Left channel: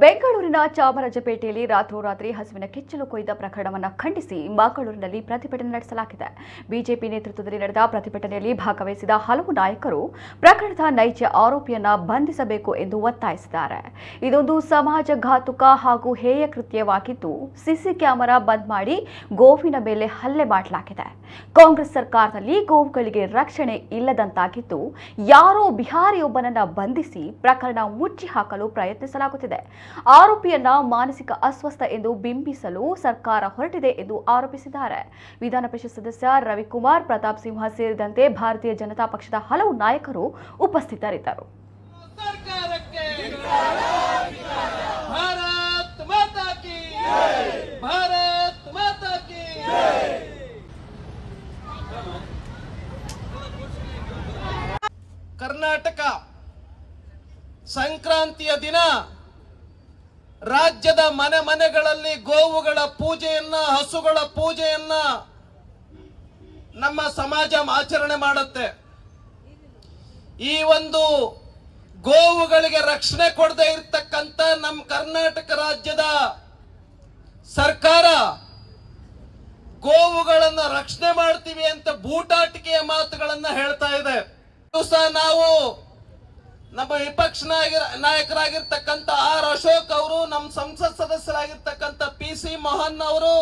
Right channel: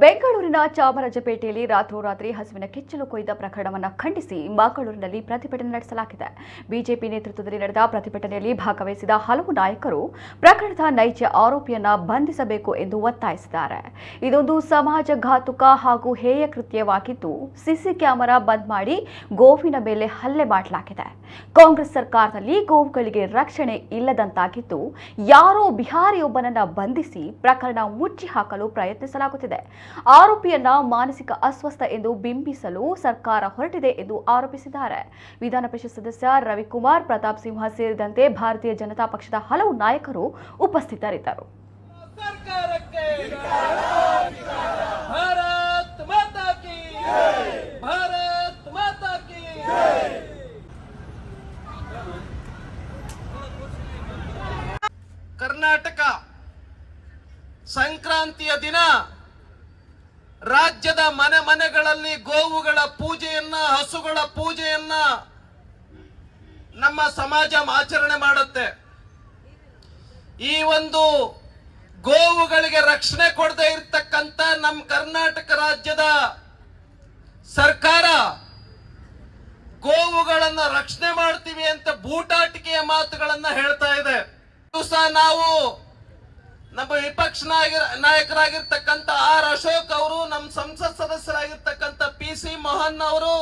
ಬೆಂಗಳೂರಿನ ಚಾಮರಾಜಪೇಟೆಯಲ್ಲಿ ರಾತ್ರೋರಾತ್ರಿ ಹಸುವಿನ ಕೆಚ್ಚಲು ಕೊಯ್ದ ಪ್ರಕರಣವನ್ನು ಖಂಡಿಸಿ ಮಂಗಳೂರಿನಲ್ಲಿ ಪ್ರತಿಭಟನೆ ನಡೆಸಲಾಗಿದೆ. ಬಿಜೆಪಿ ನೇತೃತ್ವದಲ್ಲಿ ನಡೆದ ಪ್ರತಿಭಟನೆಯಲ್ಲಿ ಭಾಗವಹಿಸಿದ ಹಲವು ನಾಯಕರು ಪ್ರಕರಣದ ನೈಜ ಆರೋಪಿಯನ್ನ ಬಂಧಿಸಬೇಕು ಎಂದು ಒತ್ತಾಯಿಸಿದ್ದಾರೆ. ಇದೊಂದು ಸಮಾಜಘಾತುಕ ಹಾಗೂ ಹೇಯ ಕೃತ್ಯವಾಗಿದ್ದು ಸಿಸಿ ಕ್ಯಾಮೆರಾ ಬಂದ್ ಮಾಡಿ ಗೋವಿನ ಮೇಲೆ ಹಲ್ಲೆ ಮಾಡಲಾಗಿದೆ. ಕಾಂಗ್ರೆಸ್ ಸರ್ಕಾರದಲ್ಲಿ ಗೋವುಗಳಿಗೆ ರಕ್ಷಣೆ ಇಲ್ಲದಂತಾಗಿದ್ದು ಯಾರೋ ಬಿಹಾರಿಯೊಬ್ಬನನ್ನ ಬಂಧಿಸಿ ಪ್ರಕರಣ ಮುಚ್ಚಿ ಹಾಕಲು ಪ್ರಯತ್ನಿಸಲಾಗುತ್ತಿದೆ. ಆರೋಪಿಯನ್ನ ಮಾನಸಿಕ ಅಸ್ವಸ್ಥ ಎಂದು ಬಿಂಬಿಸಲು ಸರ್ಕಾರ ಹೊರಟಿದೆ ಎಂದು ಆರೋಪಿಸಿದ್ದಾರೆ. ವಿಧಾನ ಪರಿಷತ್ ಸದಸ್ಯ ರವಿಕುಮಾರ್ ಪ್ರತಾಪ್ ಸಿಂಹ ಸೇರಿದಂತೆ ಭಾರತೀಯ ಜನತಾ ಪಕ್ಷದ ಹಲವು ನಾಯಕರು ಉಪಸ್ಥಿತರಿದ್ದರು. ಕರ್ನಾಟಕ ಸಂಕ್ರಾಂತಿಯ ದಿನ ರಾಜ್ಯದ ಮನೆ ಮನೆಗಳಲ್ಲಿ ಗೋವುಗಳ ಪೂಜೆಯನ್ನ, ಹಸುಗಳ ಪೂಜೆಯನ್ನ ನಮ್ಮ ಸಮಾಜ ಆಚರಣೆ ಮಾಡುತ್ತೆ. ಈ ಒಂದು ಗೋವುಗಳಿಗೆ ರಕ್ಷಣೆ ಕೊಡದೇ ಇರತಕ್ಕಂತ ನಮ್ಮ ಕರ್ನಾಟಕ ರಾಜ್ಯದ ಸರ್ಕಾರ ಗೋವುಗಳನ್ನ ರಕ್ಷಣೆ ಮಾಡ್ತೀವಿ ಅಂತ ಬೂಟಾಟಿಕೆಯ ಮಾತುಗಳನ್ನ ಹೇಳ್ತಾ ಇದೆ. ದಿವಸ ನಾವು ನಮ್ಮ ವಿಪಕ್ಷ ನಾಯಕರಾಗಿರ್ತಕ್ಕಂಥ ಆರ್ ಅಶೋಕ್ ಅವರು, ನಮ್ಮ ಸಂಸತ್ ಸದಸ್ಯರಾಗಿರ್ತಕ್ಕಂಥ PC ಮೋಹನ್ ಅವರು,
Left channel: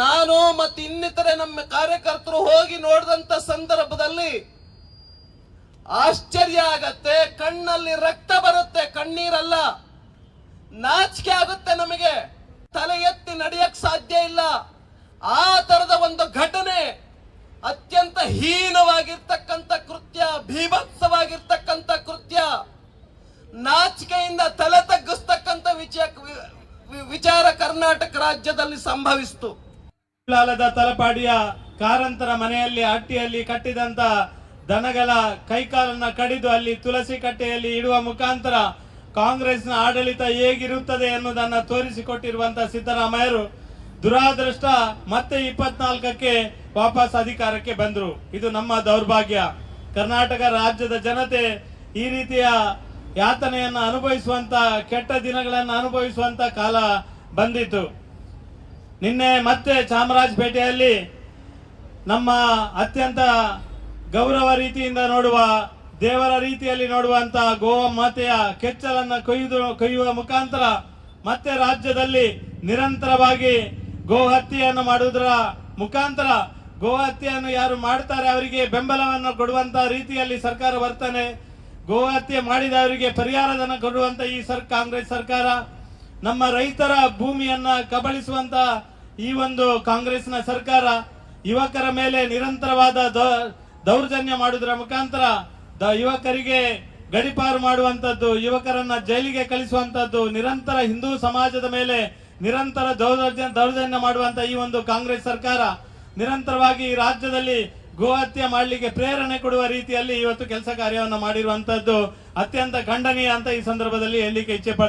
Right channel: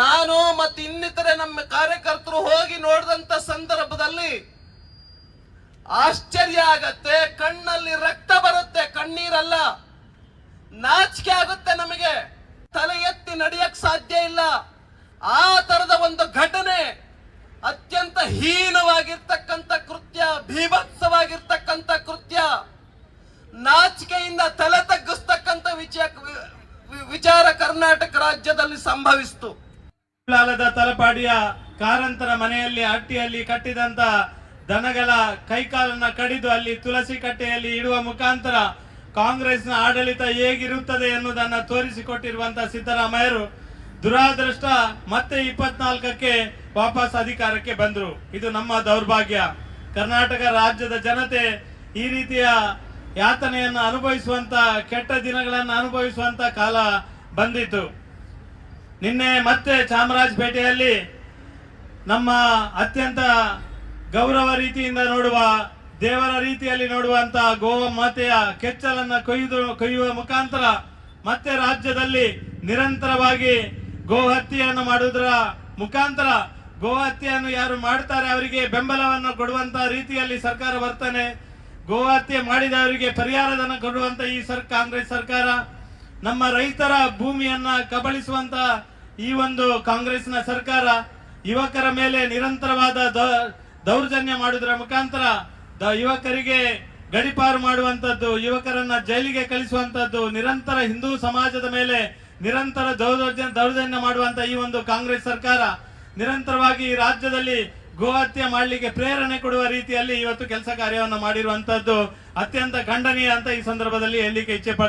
ನಾನು ಮತ್ತು ಇನ್ನಿತರೆ ನಮ್ಮ ಕಾರ್ಯಕರ್ತರು ಹೋಗಿ ನೋಡಿದಂತ ಸಂದರ್ಭದಲ್ಲಿ ಆಶ್ಚರ್ಯ ಆಗತ್ತೆ. ಕಣ್ಣಲ್ಲಿ ರಕ್ತ ಬರುತ್ತೆ, ಕಣ್ಣೀರಲ್ಲ, ನಾಚಿಕೆ ಆಗುತ್ತೆ. ನಮಗೆ ತಲೆ ಎತ್ತಿ ನಡೆಯಕ್ ಸಾಧ್ಯ ಇಲ್ಲ. ಆ ತರದ ಒಂದು ಘಟನೆ, ಅತ್ಯಂತ ಹೀನವಾಗಿರ್ತಕ್ಕಂಥ ಕೃತ್ಯ, ಭೀಭತ್ಸವಾಗಿರ್ತಕ್ಕಂಥ ಕೃತ್ಯ, ನಾಚಿಕೆಯಿಂದ ತಲೆ ತಗ್ಗಿಸ್ತಕ್ಕಂಥ ವಿಚಾರ ಕರ್ನಾಟಕ ರಾಜ್ಯದಲ್ಲಿ ಸಂಭವಿಸಿತು. ತಲಪಾಡಿಯ ಕಾರಂತರ ಮನೆಯಲ್ಲಿ ಹಟ್ಟಿಯಲ್ಲಿ ಕಟ್ಟಿದಂತ ದನಗಳ ಕೈಕಾಲನ್ನ ಕಡಿದು ಅಲ್ಲಿ ತುಳಸಿ ಕಟ್ಟೆಯಲ್ಲಿ ಇಡುವ ಮುಖಾಂತರ ಕಾಂಗ್ರೆಸ್ನ ಆಡಳಿತ ಹೇಗಿರುತ್ತದೆ ಎನ್ನುವುದನ್ನ ತೋರಿಸಿಕೊಟ್ಟಿರುವಂತಹ ಸಿದ್ದರಾಮಯ್ಯರು ದುರಾದೃಷ್ಟ ಮತ್ತೆ 24ಕ್ಕೆ ವಾಪಸ್ ಅಧಿಕಾರಕ್ಕೆ ಬಂದ್ರು. ಇದು ನಮ್ಮ ದೌರ್ಭಾಗ್ಯ. ಕರ್ನಾಟಕ ರಾಜ್ಯದ ಜನತೆ ಈ ರೀತಿಯ ಯಾತನೆಯನ್ನು ಅನುಭವಿಸುವಂತ, ಕೆಟ್ಟ ದಿನಗಳನ್ನು ಅನುಭವಿಸುವಂತ ಕಾಲ ಬಂದಿತ್ತು. ನಿನ್ನೆ ಮತ್ತೆ ಚಾಮರಾಜಪೇಟೆಯಲ್ಲಿ ನಮ್ಮ ಅತ್ಯಂತ ಗೌರವ ರೀತಿಯಿಂದ ನೋಡುವ, ದೇವರ ರೀತಿಯಲ್ಲಿ ನೋಡುವಂತ ಗೋ ಮಾತೆಯ ಕೆಚ್ಚಲನ್ನ ಕೊಯ್ಯುವ ಮುಖಾಂತರ ಮತ್ತೆ ರಾಜ್ಯದಲ್ಲಿ ನಿರಂತರವಾಗಿ ಗೋ ಹತ್ಯೆಯನ್ನು ಮಾಡುವುದರ ಮುಖಾಂತರ ಗೋ ಹತ್ಯೆಯನ್ನು ಯಾರು ಮಾಡ್ತಾರೆ ಅವರಿಗೆ ಬೆಂಬಲವನ್ನು ಕೊಡುವಂತ ರೀತಿಯಲ್ಲಿ ಸರ್ಕಾರ ವರ್ತನೆ, ಗೋ ಹತ್ಯೆ ಮಾಡಿದವರಿಗೆ ಪರಿಹಾರಧನ ಕೊಡುವಂತ ಈ ಕಾಂಗ್ರೆಸ್ ಸರ್ಕಾರ, ನಮ್ಮ ರೈತರ ಭೂಮಿಯನ್ನ ಕಬಳಿಸುವಂತ ಈ ಒಂದು ಕಾಂಗ್ರೆಸ್ನ ಸರ್ಕಾರ, ಯುವಕರ ಮೇಲೆ ನಿರಂತರವಾದ ದೌರ್ಜನ್ಯ ಮಾಡುವುದರ ಮುಖಾಂತರ ಯುವಕರಿಗೆ ಗಡಿಪಾರು ಮಾಡುವಂತದ್ದು, ಯುವಕರನ್ನ ಜೈಲಿಗೆ ಕಳಿಸುವಂತದ್ದು, ನಿರಂತರ ಹಿಂದೂ ಸಮಾಜದ ಮೇಲೆ ನಿರಂತರ ದೌರ್ಜನ್ಯ ಮಾಡುವಂತ ಈ ಒಂದು ಕಾಂಗ್ರೆಸ್ ಸರ್ಕಾರ ನಿರಂತರವಾಗಿ ರಾಜ್ಯದಲ್ಲಿ ಗೋ ಹತ್ಯೆ ಮಾಡಲಿಕ್ಕೆ ಪ್ರೇರಣೆ ಕೊಡುವ ರೀತಿಯಲ್ಲಿ ಇವತ್ತು ಕೆಲಸ ಕಾರ್ಯವನ್ನು ಮಾಡಿರುವಂತದ್ದು ಅತ್ಯಂತ ಖಂಡನೀಯ ಅಂತ ಈ ಸಂದರ್ಭದಲ್ಲಿ ಹೇಳಲಿಕ್ಕೆ ಇಚ್ಛೆ ಪಡ್ತೇನೆ.